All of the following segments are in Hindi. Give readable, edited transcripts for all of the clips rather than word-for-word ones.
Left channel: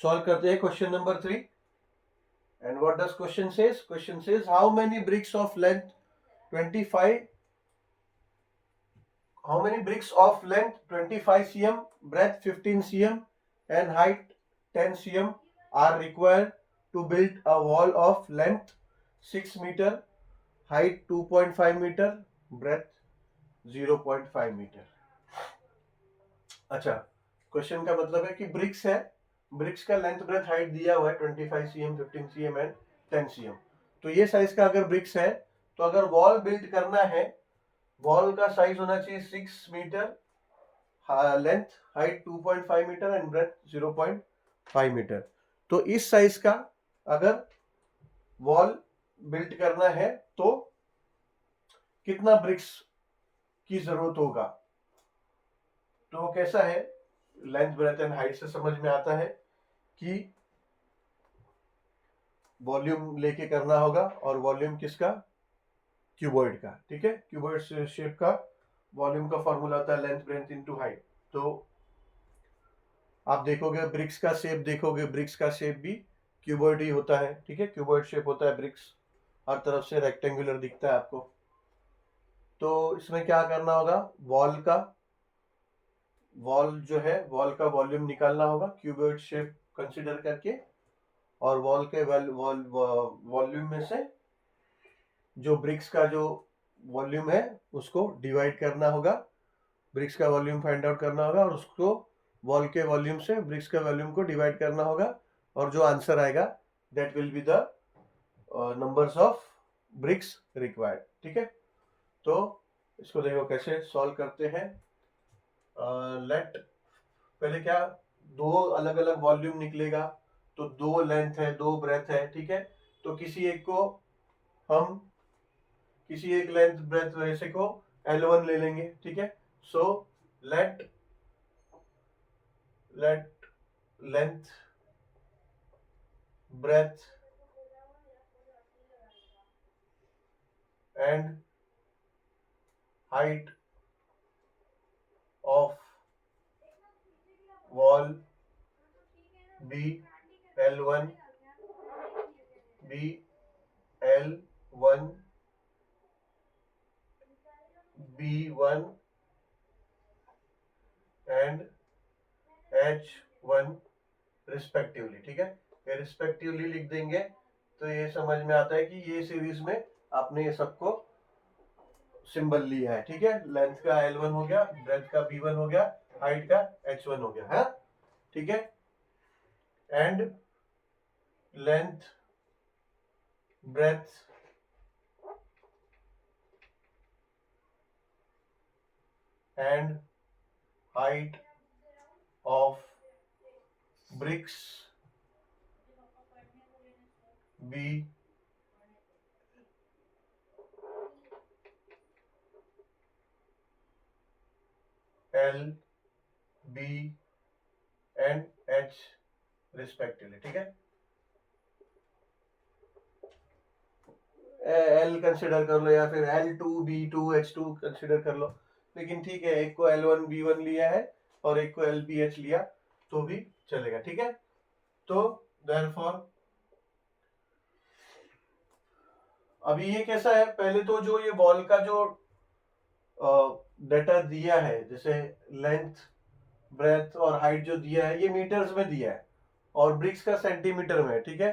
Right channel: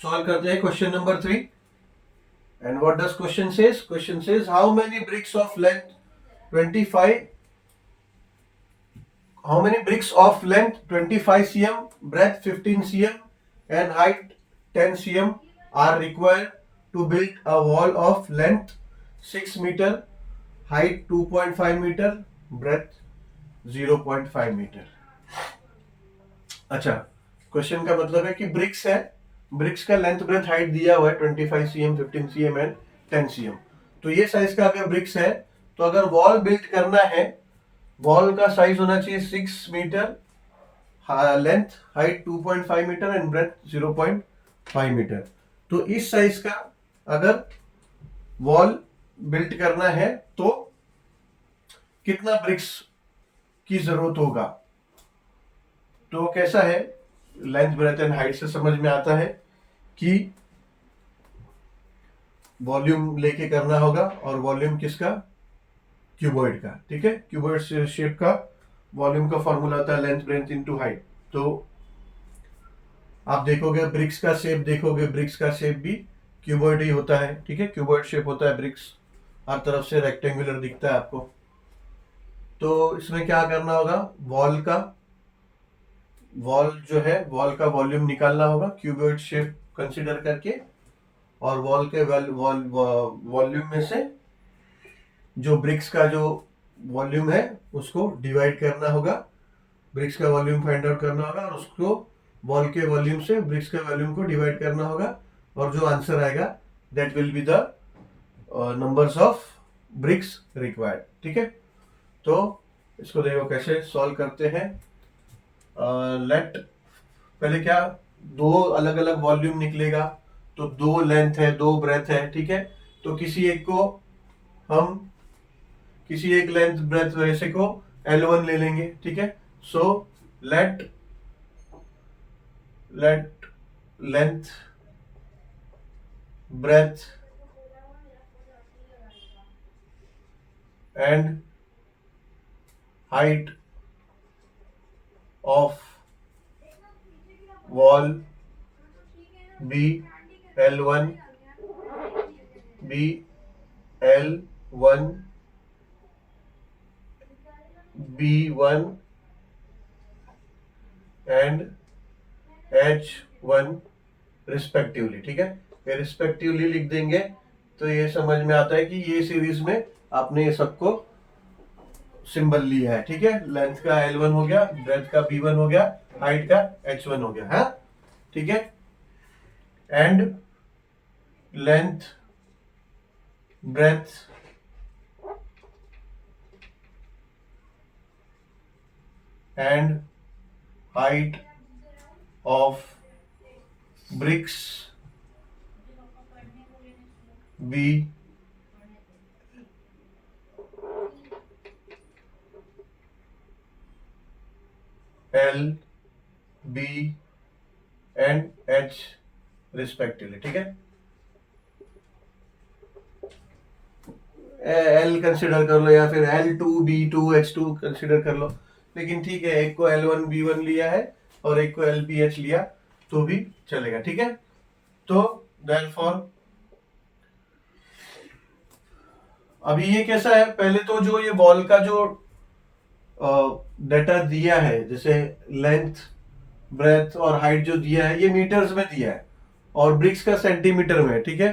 सॉल्व करते हैं question number 3. And what does question says? Question says how many bricks of length 25 how many bricks of length 25 cm, breadth 15 cm and height 10 cm are required to build a wall of length 6 meter, height 2.5 meter, breadth 0.5 meter. अच्छा, क्वेश्चन का मतलब है कि ब्रिक्स है, ब्रिक्स का लेंथ ब्रेथ हाइट दिया हुआ है 25 cm, 15 cm एंड 10 cm. तो ये साइज का अगर ब्रिक्स है तो अगर वॉल बिल्ड करना है, वॉल का साइज होना चाहिए 6 metre, length height 2.5 metre and breadth 0.5 metre. तो इस साइज का अगर वॉल बिल्ड करना है तो कितना ब्रिक्स की जरूरत होगा. तो कैसा है, लेंथ ब्रेथ एंड हाइट से समझ में आता है कि वॉल्यूम लेके करना होगा, और वॉल्यूम किसका, क्यूबॉइड का. ठीक है, क्यूबॉइड शेप का वॉल्यूम का फॉर्मूला होता है लेंथ ब्रेथ इनटू हाइट. तो आप देखोगे ब्रिक्स का शेप, देखोगे ब्रिक्स का शेप भी क्यूबॉइड ही होता है. ठीक है, क्यूबॉइड शेप होता है ब्रिक्स, हर तरफ से रेक्टेंगुलर दिखता है आपको. तो इसमें क्या करना होगा, वॉल जो है, वॉल का वॉल्यूम निकालना होगा क्यूबॉइड शेप कंसीडर करके, और वॉल के वॉल्यूम में से जो ब्रिक्स का जो वॉल्यूम है उसको डिवाइड करना होगा, ब्रिक्स का वॉल्यूम फाइंड आउट करना होगा और उसको वॉल के वॉल्यूम से ब्रिक्स के वॉल्यूम को डिवाइड करना होगा, और जो आंसर आएगा that will be the numbers of bricks required. ठीक है, तो इसको देखो कैसे सॉल्व करते हैं. लेट पहले क्या, दो अलग अलग वॉल्यूम निकलेगा, तो दो लेंथ है, दो ब्रेथ है. ठीक है, तो किसी एक लेंथ ब्रेथ वैसे को L1 ले लेंगे. ठीक है, so let length breadth and height of wall be L1 B1 and H1 respectively. ठीक है, ये रिस्पेक्टिवली लिख देंगे तो ये समझ में आता है कि ये सीरीज में आपने ये सबको सिंबल लिया है. ठीक है, लेंथ का L1 हो गया, ब्रेथ का B1 हो गया, हाइट का H1 हो गया है. ठीक है, and length breadth and height of BRICS B L B and H respectively. ठीक है, L कंसिडर कर लो या फिर L2 B2 H2 कंसिडर कर लो, लेकिन ठीक है, एक को L1 B1 लिया है और एक को LBH लिया तो भी चलेगा. ठीक है, तो देयरफॉर अभी ये कैसा है, पहले तो जो ये वॉल का जो डेटा दिया है, जैसे लेंथ ब्रेथ और हाइट जो दिया है ये मीटर्स में दिया है और ब्रिक्स का सेंटीमीटर में है. ठीक है,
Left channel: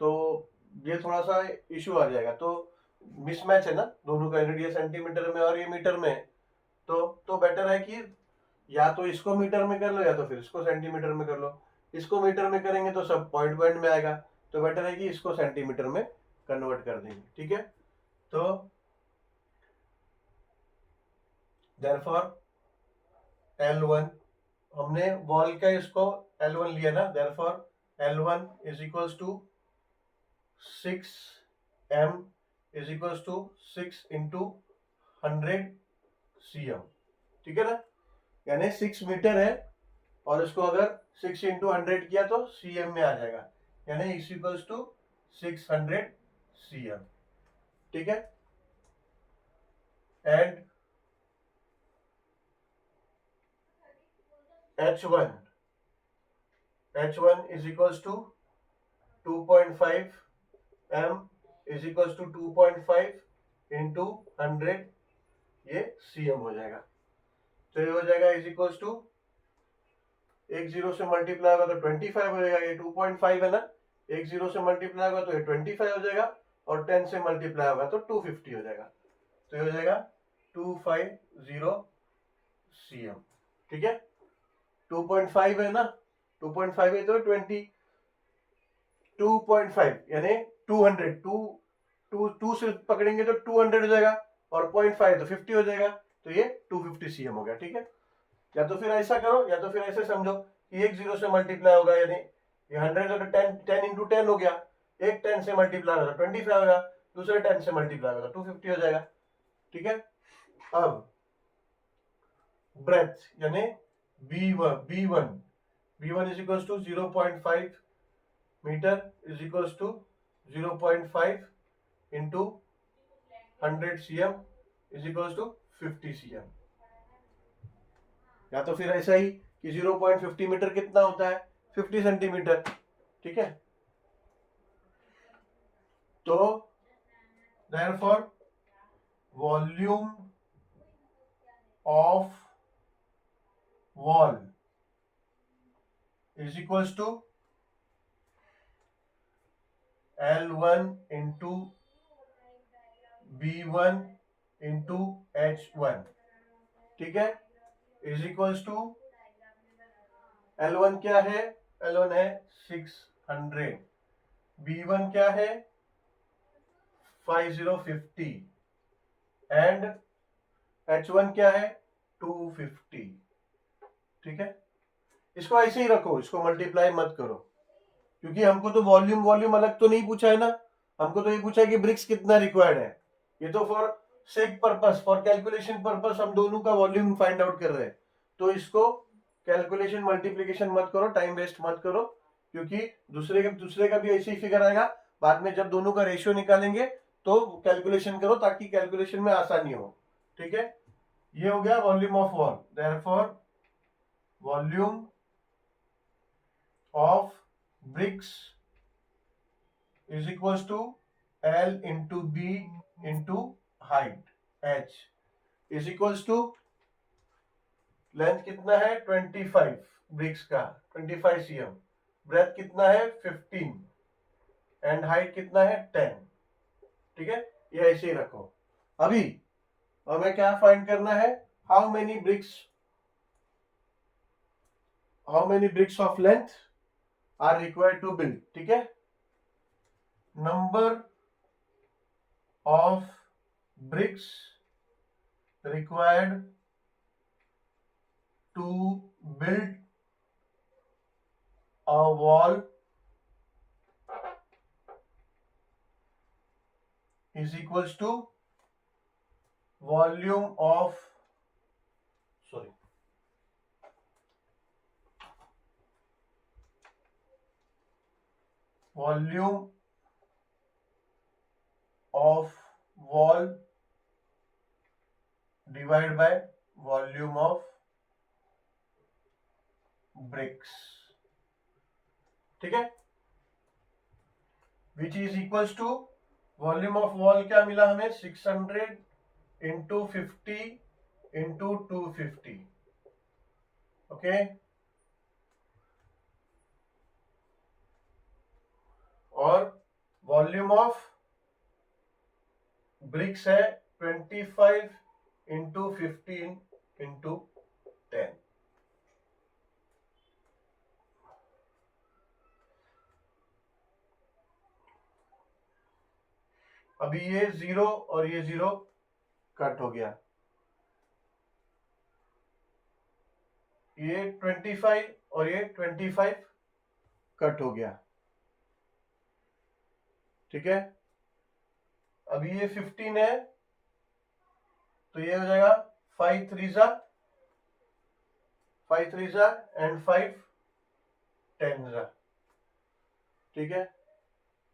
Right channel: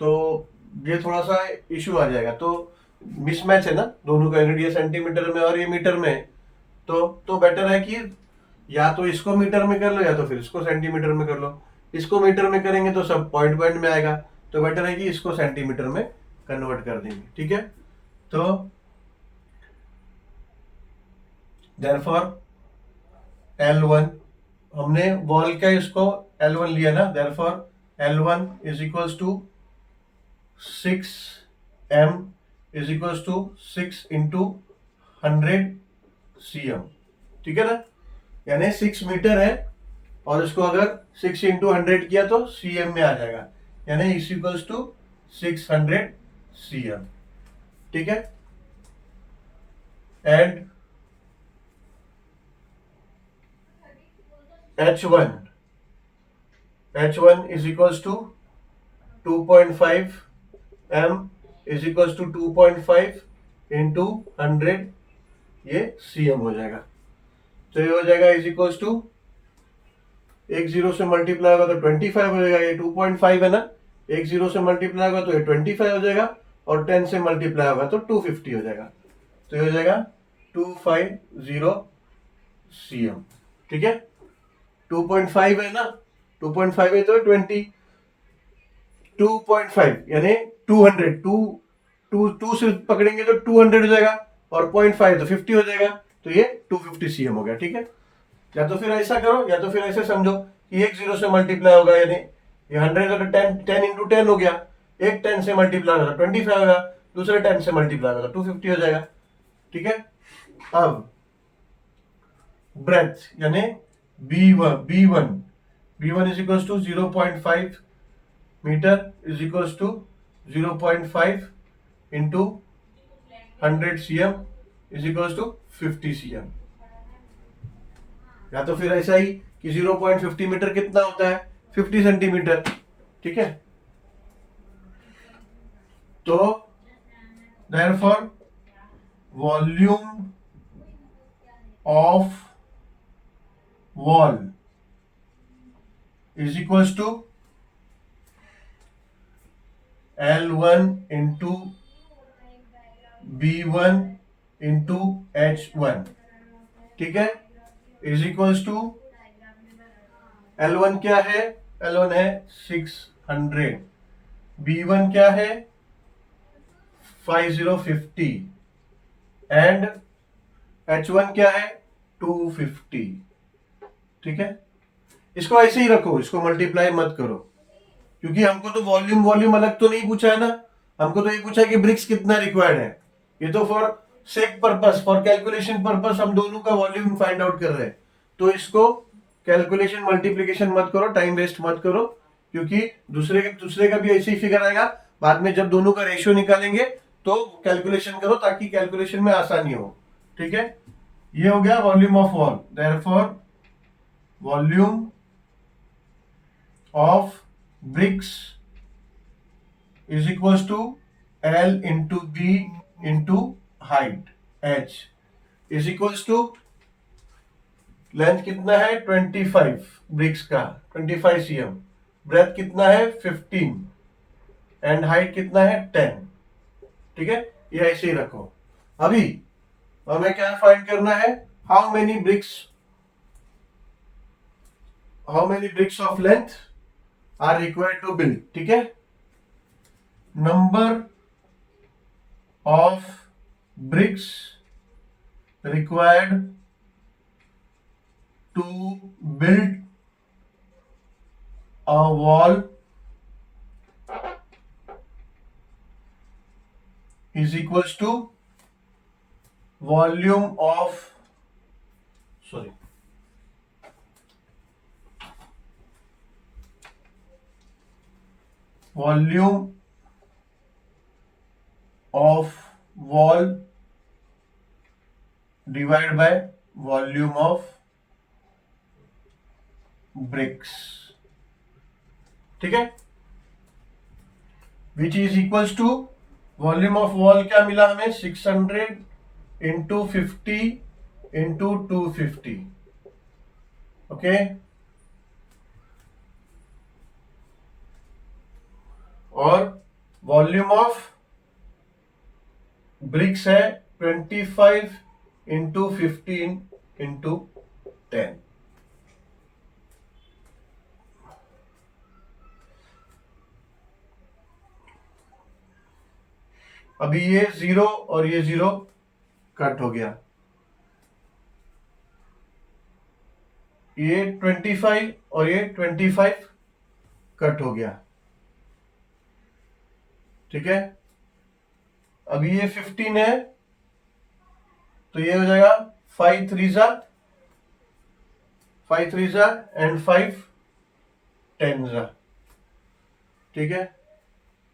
तो ये थोड़ा सा इशू आ जाएगा, तो मिसमैच है ना दोनों का, यूनिट ये सेंटीमीटर में और ये मीटर में है. तो बेटर है कि या तो इसको मीटर में कर लो या तो फिर इसको सेंटीमीटर में कर लो. इसको मीटर में करेंगे तो सब पॉइंट पॉइंट में आएगा, तो बेटर है कि इसको सेंटीमीटर में कन्वर्ट कर देंगे. ठीक है, तो देयरफॉर L1 हमने वॉल का इसको L1 लिया ना, therefore L1 is equals to 6m is equals to 6 into 100 cm. ठीक है ना, यानी 6 मीटर है और इसको अगर 6 इंटू 100 किया तो cm में आ जाएगा, यानी इज इक्वल्स टू 600 cm. ठीक है, and H1 H1 is equals to 2.5 m is equals to 2.5 into 100, ये cm हो जाएगा। तो ये हो जाएगा इज इक्वल्स टू, एक जीरो से मल्टीप्लाई होगा तो 25 हो जाएगा, ये 2.5 है ना, एक जीरो से मल्टीप्लाई होगा तो ये 25 हो जाएगा, और 10 से मल्टीप्लाई होगा तो 250 हो जाएगा। तो ये हो जाएगा 250 cm। ठीक है, 2.5 है ना, 2.5 है तो 20, 2.5 यानी 200, टू से पकड़ेंगे तो 200 हो जाएगा, और 0.5 तो 50 हो जाएगा, तो ये 250 cm हो गया। ठीक है, या तो फिर ऐसा करो, या तो फिर ऐसे समझो कि एक जीरो से मल्टीप्लाई होगा, यानी ये 100 है तो 10 इंटू 10 हो गया, एक 10 से मल्टीप्लाई होगा 25 होगा, दूसरे 10 से मल्टीप्लाई होगा 250 हो जाएगा। ठीक है, अब ब्रेथ यानी B1 is equals to 0.5 metre is equals to 0.5 into 100 cm is equals to 50 cm। या तो फिर ऐसा ही कि 0.50 मीटर कितना होता है, 50 सेंटीमीटर। ठीक है, तो therefore volume of wall is equals to L1 into B1 into H1। ठीक है, इज इक्वल्स टू L1 क्या है, L1 है 600, B1 क्या है 5050, एंड H1 क्या है 250। ठीक है, इसको ऐसे ही रखो, इसको मल्टीप्लाई मत करो, क्योंकि हमको तो वॉल्यूम वॉल्यूम अलग तो नहीं पूछा है ना, हमको तो ये पूछा है कि ब्रिक्स कितना रिक्वायर्ड है। ये तो for sake purpose, for calculation purpose हम दोनों का वॉल्यूम फाइंड आउट कर रहे हैं। तो इसको कैलकुलेशन मल्टीप्लीकेशन मत करो, टाइम वेस्ट मत करो, क्योंकि दूसरे का भी ऐसे ही फिगर आएगा। बाद में जब दोनों का रेशियो निकालेंगे तो कैलकुलेशन करो, ताकि कैलकुलेशन में आसानी हो। ठीक है, ये हो गया volume of wall. Therefore volume of bricks is equals to L into B into height H is equals to length कितना है 25 ब्रिक्स का 25 cm, ब्रेथ कितना है 15, एंड हाइट कितना है 10। ठीक है, ये ऐसे ही रखो। अभी हमें क्या फाइंड करना है, how many bricks of length are required to build. ठीक है, number of bricks required to build a wall is equals to volume of wall divide by volume of bricks. ठीक है, which is equals to volume of wall क्या मिला हमें 600 इंटू 50 इंटू 250। ओके, और वॉल्यूम ऑफ ब्रिक्स है 25 इंटू 15 इंटू 10। अभी ये 0 और ये 0 कट हो गया, ये 25 और ये 25 कट हो गया। ठीक है, अभी ये 15 है तो ये हो जाएगा 5 3 जा एंड 5 10 जा। ठीक है,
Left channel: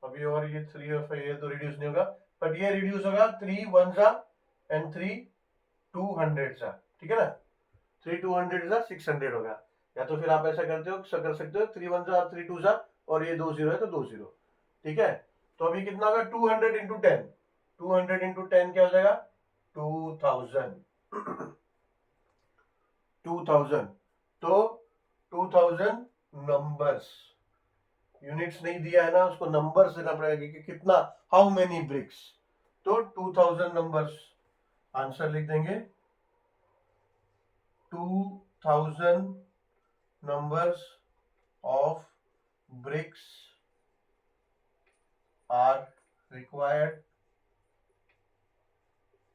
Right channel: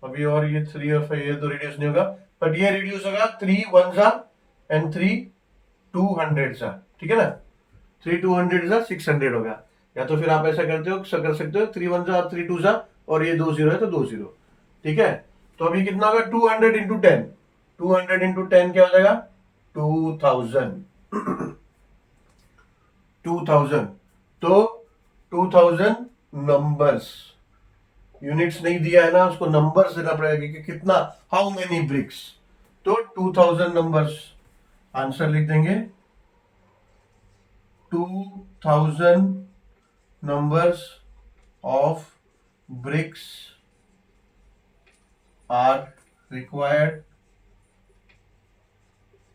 अभी और ये 3 और 5 ये तो रिड्यूस नहीं होगा, बट ये रिड्यूस होगा 3 1 जा एंड 3 200 जा। ठीक है ना, 3 200 जा 600 होगा। या तो फिर आप ऐसा कर सकते हो 3 1 जा 3 2 जा, और ये 2 0 है तो 2 0, ठीक है। तो अभी कितना होगा 200 इंटू 10, 200 इंटू 10 क्या हो जाएगा 2000 2000। तो 2000 नंबर्स, यूनिट्स नहीं दिया है ना, उसको नंबर्स देना पड़ेगा कि कितना, हाउ मेनी ब्रिक्स। तो 2000 नंबर्स, आंसर लिख देंगे 2000 numbers of bricks are required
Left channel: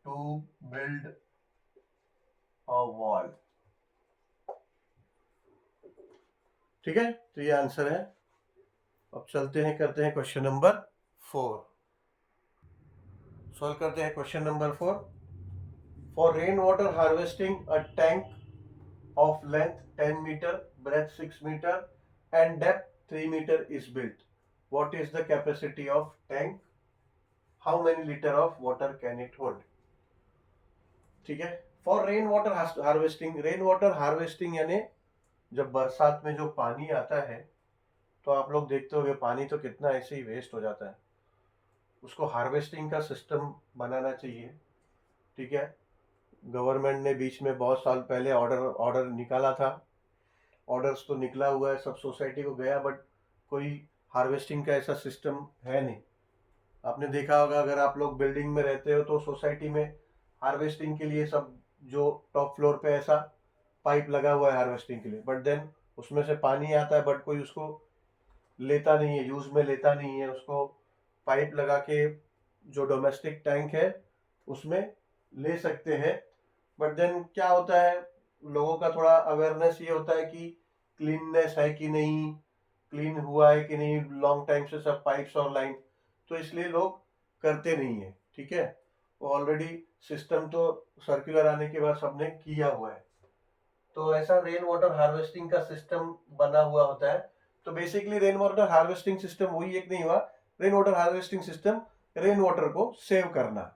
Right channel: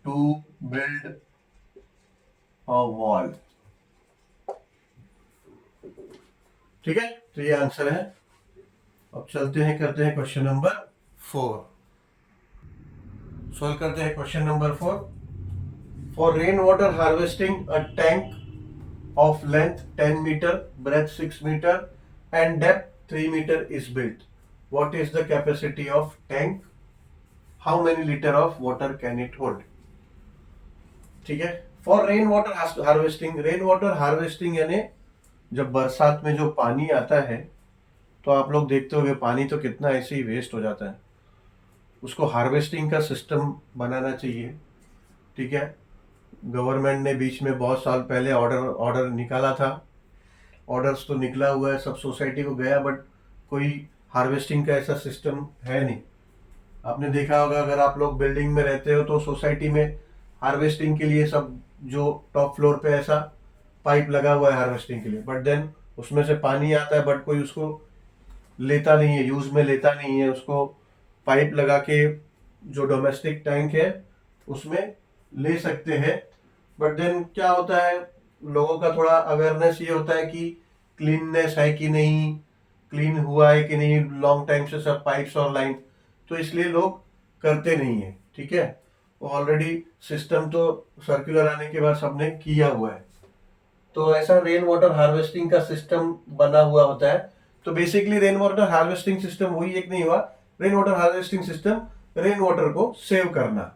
to build a wall। ठीक है, तो ये आंसर है। अब चलते हैं, करते हैं क्वेश्चन नंबर 4, सॉल्व करते हैं question number 4। For rain water harvesting a tank of length 10 meter, breadth 6 meter and depth 3 meter is built. What is the capacity of tank? How many liter of water can it hold? ठीक है। For rain water harvesting, rain water harvesting यानी जब बरसात में जो पानी आता है, तो आप लोग देखते होंगे पानी तो कितना ऐसे ही वेस्ट हो जाता है, उसको हार्वेस्टिंग का सिस्टम बनाना चाहिए, ठीक है। गवर्नमेंट ने बीच में बहुत साल पहले ऑर्डर निकाला था, ऑर्डर्स तो निकला हुआ है, सब सोसाइटी को गया, बट कोई हार्वेस्टिंग का ऐसा सिस्टम है नहीं। आपने देखा होगा अगर आप लोग बिल्डिंग में रहते हो तो सोसाइटी में हार्वेस्टिंग के लिए सब जो टॉप फ्लोर पे ऐसा पाइप लगा हुआ है हार्वेस्टिंग के लिए, बट देन उसमें से पानी आता है बट कोई उसको लेता नहीं है, यूज में लेता नहीं है उसको। पाइप लगा के जो डोमेस्टिक टैंक है उसमें ले सकते हैं, बट देन क्या होता है, लोगों का थोड़ा अवेयरनेस ये होता है कि क्लीननेस है कि नहीं, क्लीन हुआ है कि नहीं, लॉन्ग टाइम से सब पाइप्स और लाइन, तो इसलिए लोग करते नहीं है, ठीक है। ऑलरेडी सिस्टम तो सर्कुलर आने के बाद सबने किया हुआ है, तो ऐसा रेन वाटर हार्वेस्टिंग का सिस्टम बना हुआ होता है। तो basically rain water harvesting system वही एक नहीं हुआ, rain water harvesting system rain water को सेव करना,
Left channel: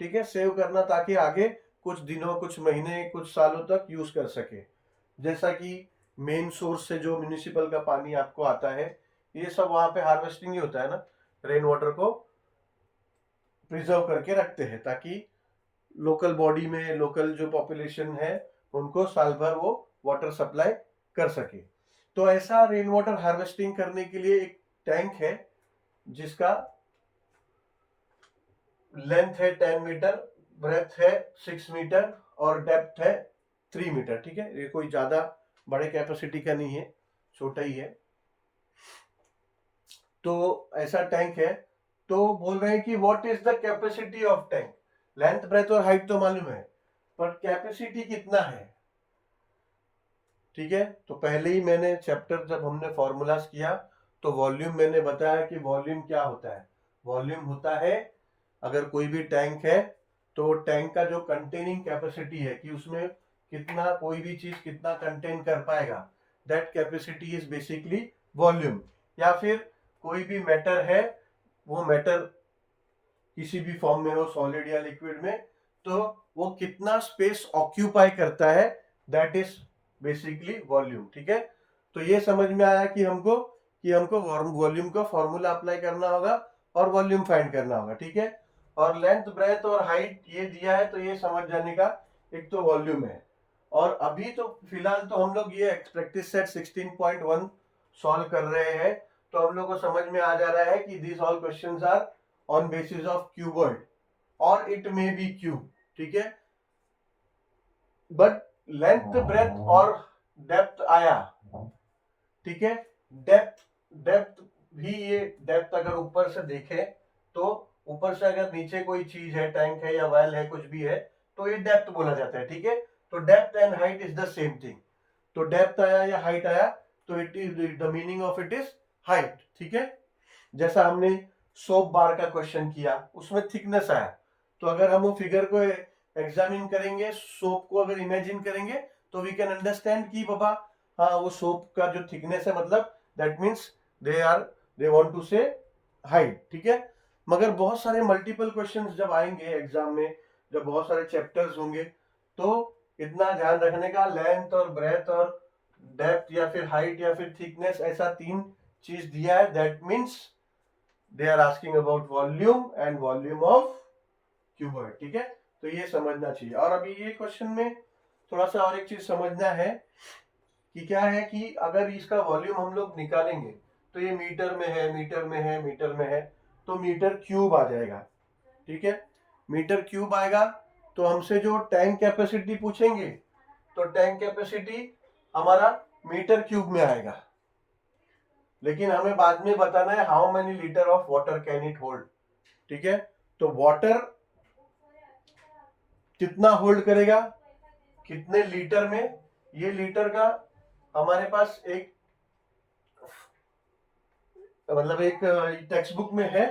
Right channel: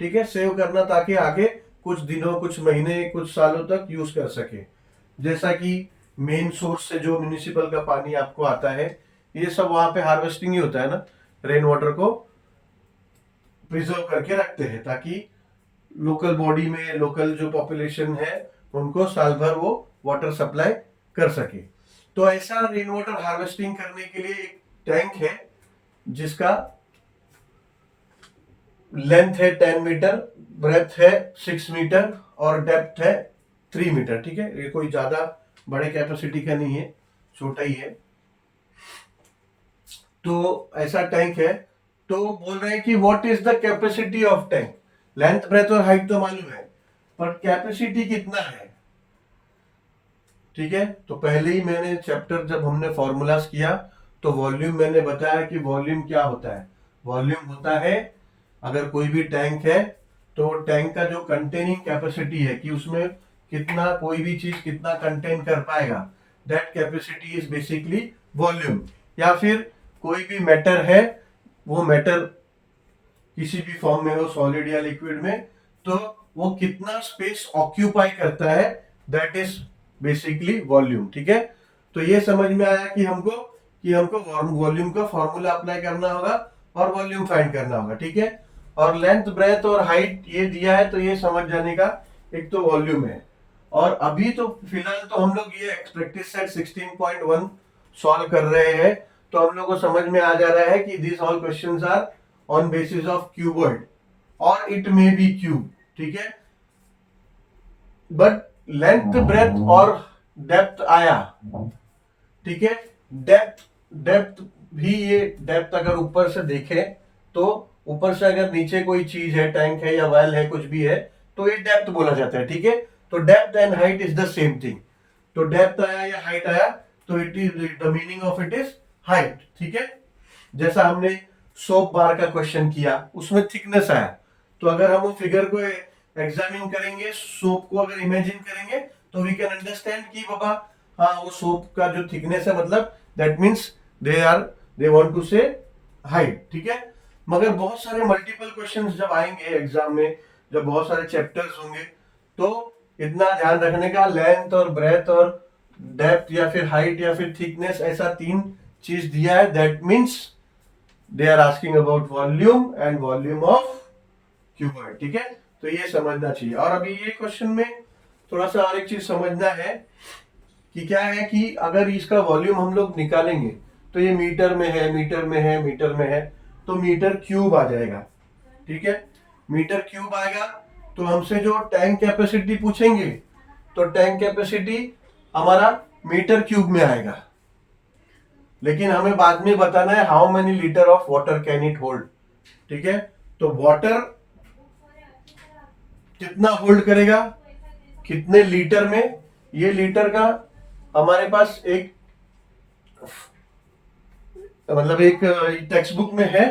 ठीक है, सेव करना ताकि आगे कुछ दिनों, कुछ महीने, कुछ सालों तक यूज कर सके। जैसा कि मेन सोर्स से जो म्यूनिसिपल का पानी आपको आता है, ये सब वहां पे हार्वेस्टिंग ही होता है ना, रेन वाटर को प्रिजर्व करके रखते हैं ताकि लोकल बॉडी में, लोकल जो पॉपुलेशन है उनको साल भर वो वाटर सप्लाई कर सके। तो ऐसा रेन वाटर हार्वेस्टिंग करने के लिए एक टैंक है जिसका लेंथ है 10 मीटर, ब्रेथ है 6 मीटर और डेप्थ है 3 मीटर, ठीक है। ये कोई ज्यादा बड़े कैपेसिटी का नहीं है, छोटा ही है। तो ऐसा टैंक है। तो बोल रहे हैं कि what is the capacity of tank. Length, breadth और हाइट तो मालूम है, पर कैपेसिटी कितना है, ठीक है। तो पहले ही मैंने चैप्टर जब हमने फॉर्मूलाज किया तो वॉल्यूम मैंने बताया कि वॉल्यूम क्या होता है। वॉल्यूम होता है, अगर कोई भी टैंक है तो टैंक का जो कंटेनिंग कैपेसिटी है कि उसमें कितना, कोई भी चीज कितना कंटेन कर पाएगा, that capacity is basically volume. या फिर कोई भी मैटर है, वो मैटर किसी भी फॉर्म में हो, सॉलिड या लिक्विड में, तो वो कितना स्पेस ऑक्यूपाई करता है, दैट इज बेसिकली वॉल्यूम, ठीक है। तो ये समझ में आया कि हमको वॉल्यूम का फॉर्मूला अप्लाई करना होगा और वॉल्यूम फाइंड करना होगा, ठीक है। और लेंथ, ब्रेथ और हाइट ये दिया है, तो ये समझ जाने का एक तो वॉल्यूम है। और अभी तो फिलहाल तो हम लोग ये प्रैक्टिस सेट 16.1 सॉल्व कर रहे हैं, तो हम लोग को समझ में आ जा रहा है कि this all questions are on basis of cuboid और इट मे बी क्यूब, ठीक है। बट लेंथ, ब्रेथ और डेप्थ आया, ठीक है। डेप्थ डेप्थ भी, ये डेप्थ अगर ऊपर से देखें तो ऊपर से अगर नीचे कोई चीज है, टैंक है या वेल है, कुछ भी है, तो ये डेप्थ बोला जाता है, ठीक है। तो depth and height is the same thing. तो डेप्थ आया या हाइट आया तो it is the meaning of it is height, ठीक है। जैसा हमने सोप बार का क्वेश्चन किया, उसमें थिकनेस आया, तो अगर हम वो फिगर को एग्जामिन करेंगे, सोप को अगर इमेजिन करेंगे, तो वी कैन अंडरस्टैंड कि बाबा हाँ वो सोप का जो थिकनेस है, मतलब that means they want to say height, ठीक है। मगर बहुत सारे मल्टीपल क्वेश्चंस जब आएंगे एग्जाम में, जब बहुत सारे चैप्टर्स होंगे, तो इतना ध्यान रखने का, लेंथ और ब्रेथ और डेप्थ या फिर हाइट या फिर थिकनेस, ऐसा 3 चीज दिया है। That means they are asking about volume and volume of cuboid. ठीक है, तो ये समझना चाहिए। और अभी ये क्वेश्चन में थोड़ा सा और एक चीज समझना है कि क्या है कि अगर इसका वॉल्यूम हम लोग निकालेंगे तो ये मीटर में है, मीटर में है, मीटर में है, तो मीटर क्यूब आ जाएगा। ठीक है, मीटर क्यूब आएगा तो हमसे जो टैंक कैपेसिटी पूछेंगे तो टैंक कैपेसिटी हमारा मीटर क्यूब में आएगा, लेकिन हमें बाद में बताना है how many litre of water can it hold. ठीक है, तो वाटर कितना होल्ड करेगा, कितने लीटर में, ये लीटर का हमारे पास एक मतलब एक टेक्स्ट बुक में है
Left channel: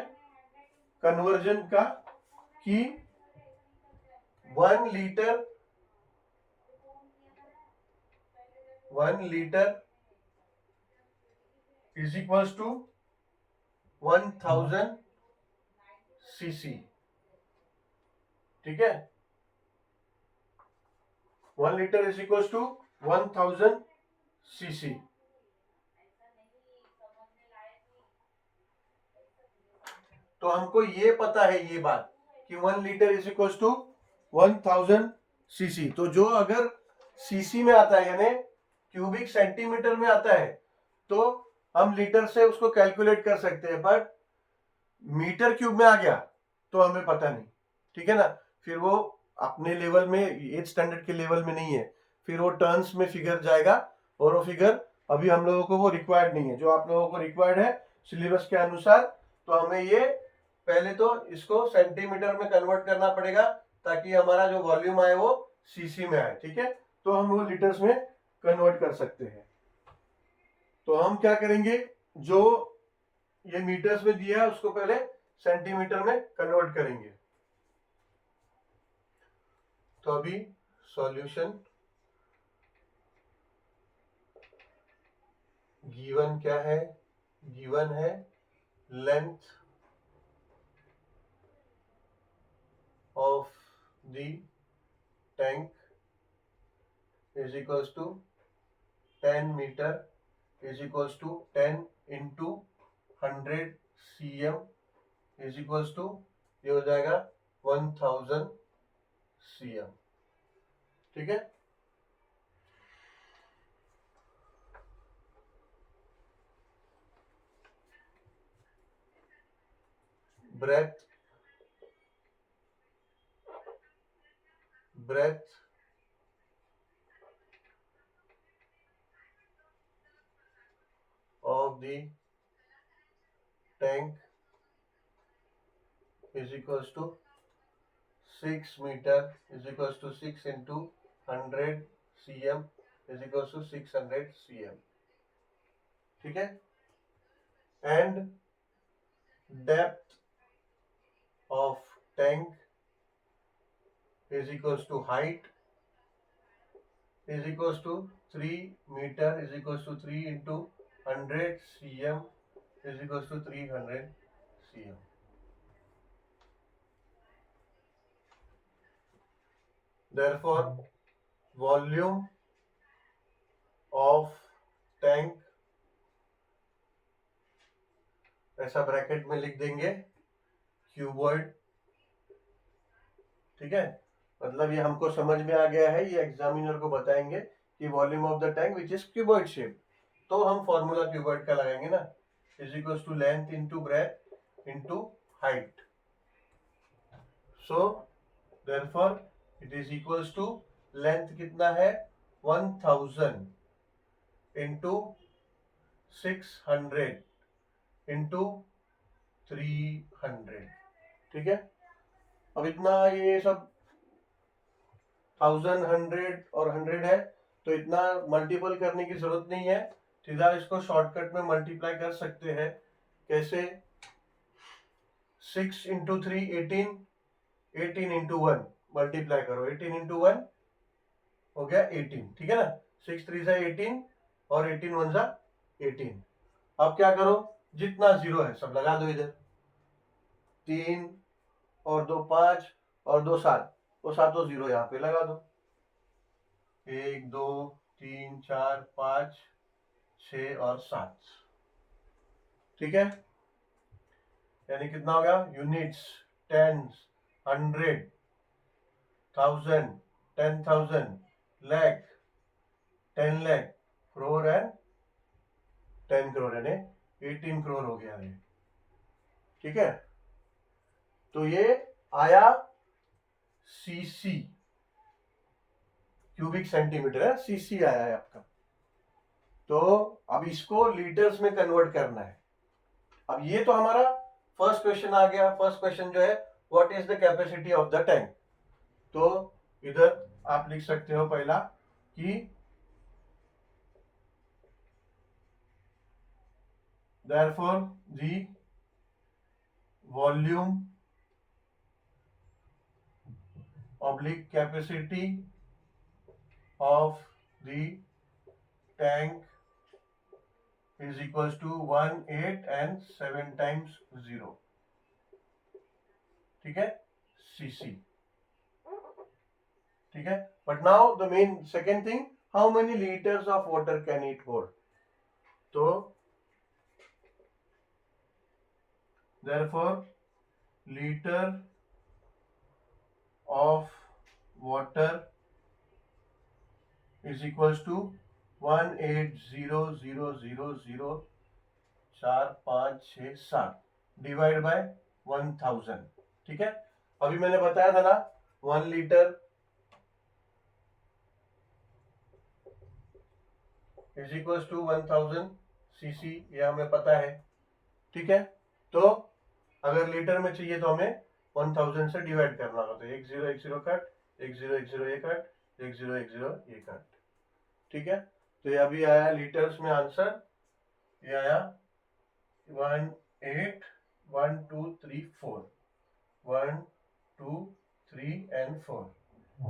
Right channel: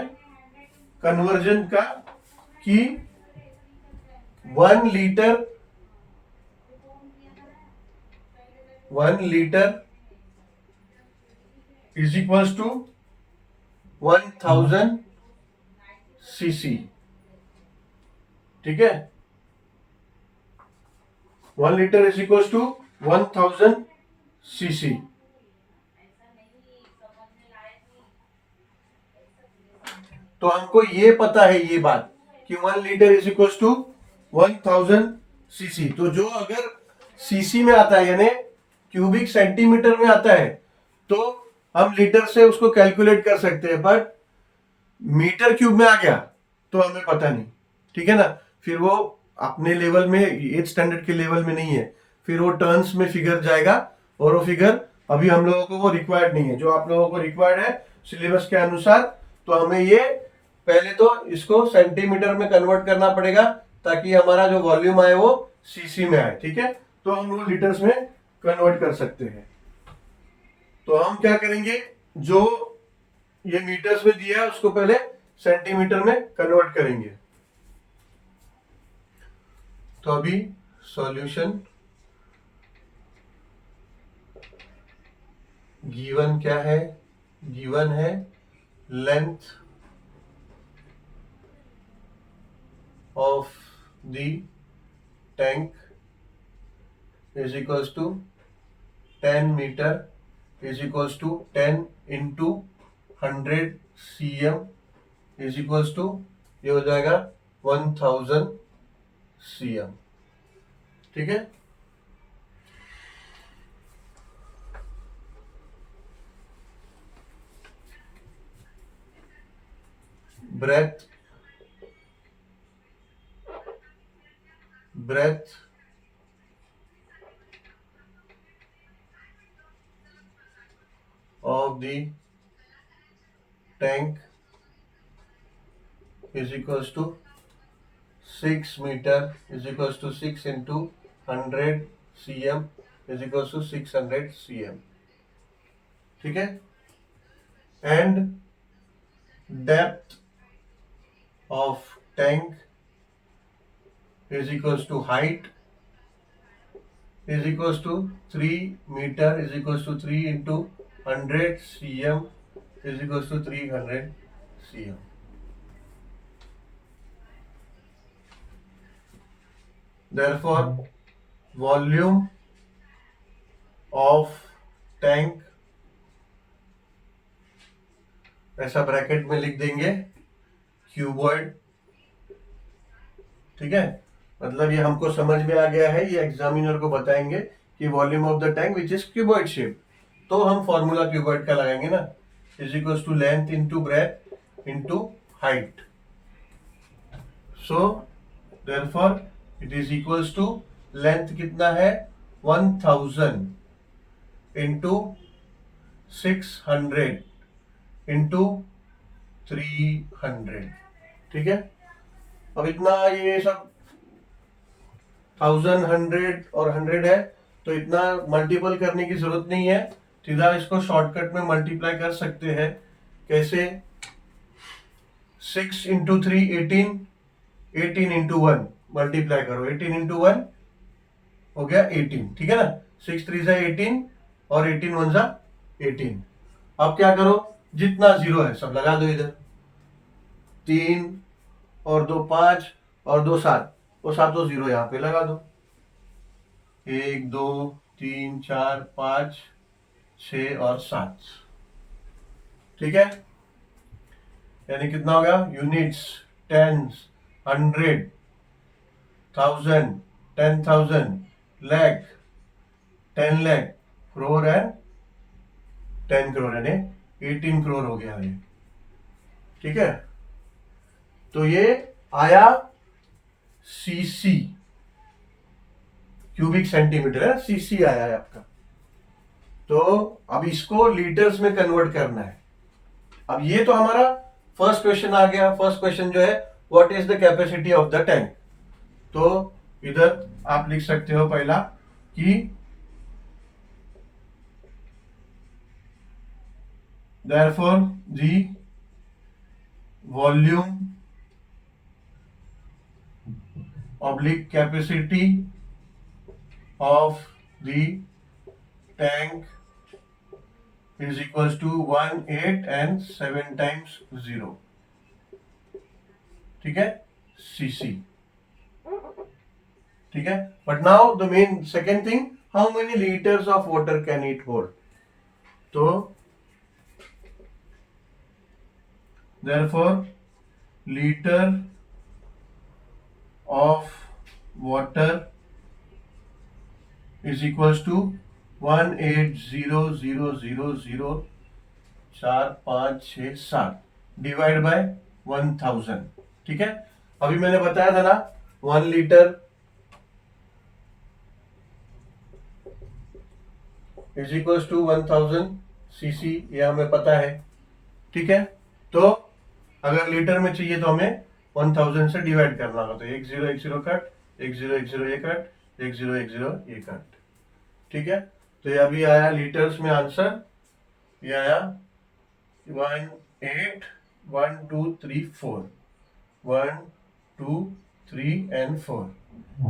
कन्वर्जन का कि 1 litre is equals to 1000 CC. ठीक है, 1 litre is equals to 1000 CC. तो हमको ये पता है ये बात कि 1 litre is equals to 1000 CC. तो जो अगर सीसी में आता है यानी क्यूबिक सेंटीमीटर में आता है तो हम लीटर से उसको कैलकुलेट कर सकते हैं, बट मीटर क्यूब में आ गया तो हमें पता नहीं। ठीक है ना, फिर वो अपने लेवल में 8 स्टैंडर्ड के लेवल में नहीं है, फिर वो टर्न्स में फिगर जाएगा और वो फिगर अभी हम लोगों को वो रिक्वायर्ड नहीं है। जो आप लोगों को रिक्वायर्ड है सिलेबस के अनुसार, तो हमें ये पहले तो इसको सेंटीमीटर में कन्वर्ट करना पड़ेगा ताकि हमारा जो वॉल्यूम आए वो सीसी में आए। ठीक है, तो हम वो लीटर्स में कन्वर्ट कर सकते हैं। तो हम क्या करेंगे, जो ये मीटर्स में दिया है उसको पहले सेंटीमीटर में कन्वर्ट करेंगे। तो अभी सॉल्यूशन गिवन क्या है, गिवन है length of the tank is equals to 10 metre is equals to 10 into 100 cm is equals to ये हो जाएगा 1000 cm। ठीक है, breadth of the tank is equals to 6 meter is equals to 6 into 100 cm is equals to 600 cm। ठीक है, and depth of tank is equals to height is equals to 3 meter is equals to 3 into 100 cm is equals to 300 cm। therefore volume of tank ऐसा ब्रैकेट में लिख देंगे क्यूबॉइड। ठीक है, मतलब ये हमको समझ में आ गया है, ये एग्जामिनर को बताएंगे कि volume of the tank which is cuboid shape, तो हम फॉर्मूला क्यूबॉइड का लगाएंगे ना, is equal to length into breadth into height. So therefore it is equals to length कितना है 1000 इंटू 600 इंटू 300। ठीक है, अब इतना ये सब 1000 100 और 100 है तो इतना मल्टीपल करने की जरूरत नहीं है, सीधा इसको शॉर्टकट में मल्टीप्लाई कर सकते हैं। कैसे, 6 इंटू 3 18, 18 इंटू 1 मल्टीप्लाई करो, 18 इंटू 1 हो गया 18। ठीक है ना, 6 3 जा 18 और 18 1 जा 18। अब क्या करो, जितना जीरो है सब लगा दो इधर, 3 और 2 5 और 2 7, वो सातों जीरो यहाँ पे लगा दो, 1 2 3, 4, 5, 6 और 7। ठीक है, यानी कितना हो गया? Units, tens, 100, 1000, 10,000, lakh, 10 lakh, crore and 10 crore, यानी 18 करोड़ हो गया ये। ठीक है, तो ये आया सीसी, क्यूबिक सेंटीमीटर है, सीसी आया है आपका। तो अब इसको लीटर्स में कन्वर्ट करना है। अब ये तो हमारा फर्स्ट क्वेश्चन आ गया। फर्स्ट क्वेश्चन जो है, what is the capacity of the tank. तो इधर आप लिख सकते हो पहला कि therefore the volume oblique capacity of the tank is equals to 1, 8 and 7 times 0। ठीक है, cc। ठीक है, but now the main second thing, how many litres of water can it hold. तो therefore liter of water is equals to 180,000 4, 5, 6, 7 divide by 1000। ठीक है, अभी मैंने बताया था ना 1 litre is equals to 1000 CC, ये हमें पता है। ठीक है, तो अगर लीटर में चाहिए तो हमें 1000 से डिवाइड करना होगा। तो 1010 कट, 1010 ये कट, 1010 ये कट। ठीक है, तो ये अभी आया लीटर्स में आंसर, ये आया 1, 8, 1, 2, 3, 4, 1, 2, 3 and 4।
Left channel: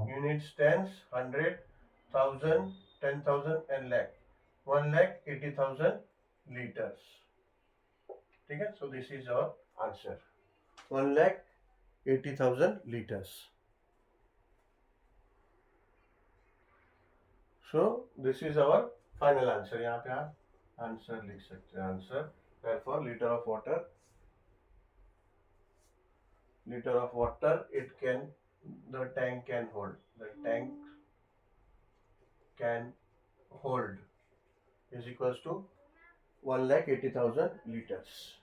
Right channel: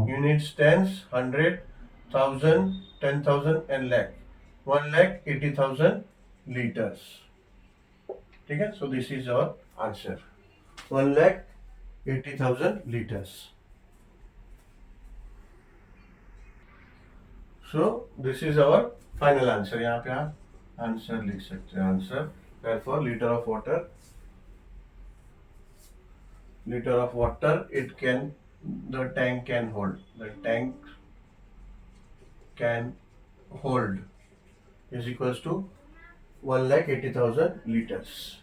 Units tens, 100, 1000, 10,000 and lakh, 1,80,000 liters। ठीक है, so this is our answer, 1,80,000 liters। So this is our final answer. यहाँ पे आप आंसर लिख सकते हैं। Answer therefore liter of water it can, the tank can hold, the tank can hold is equals to 1,80,000 liters।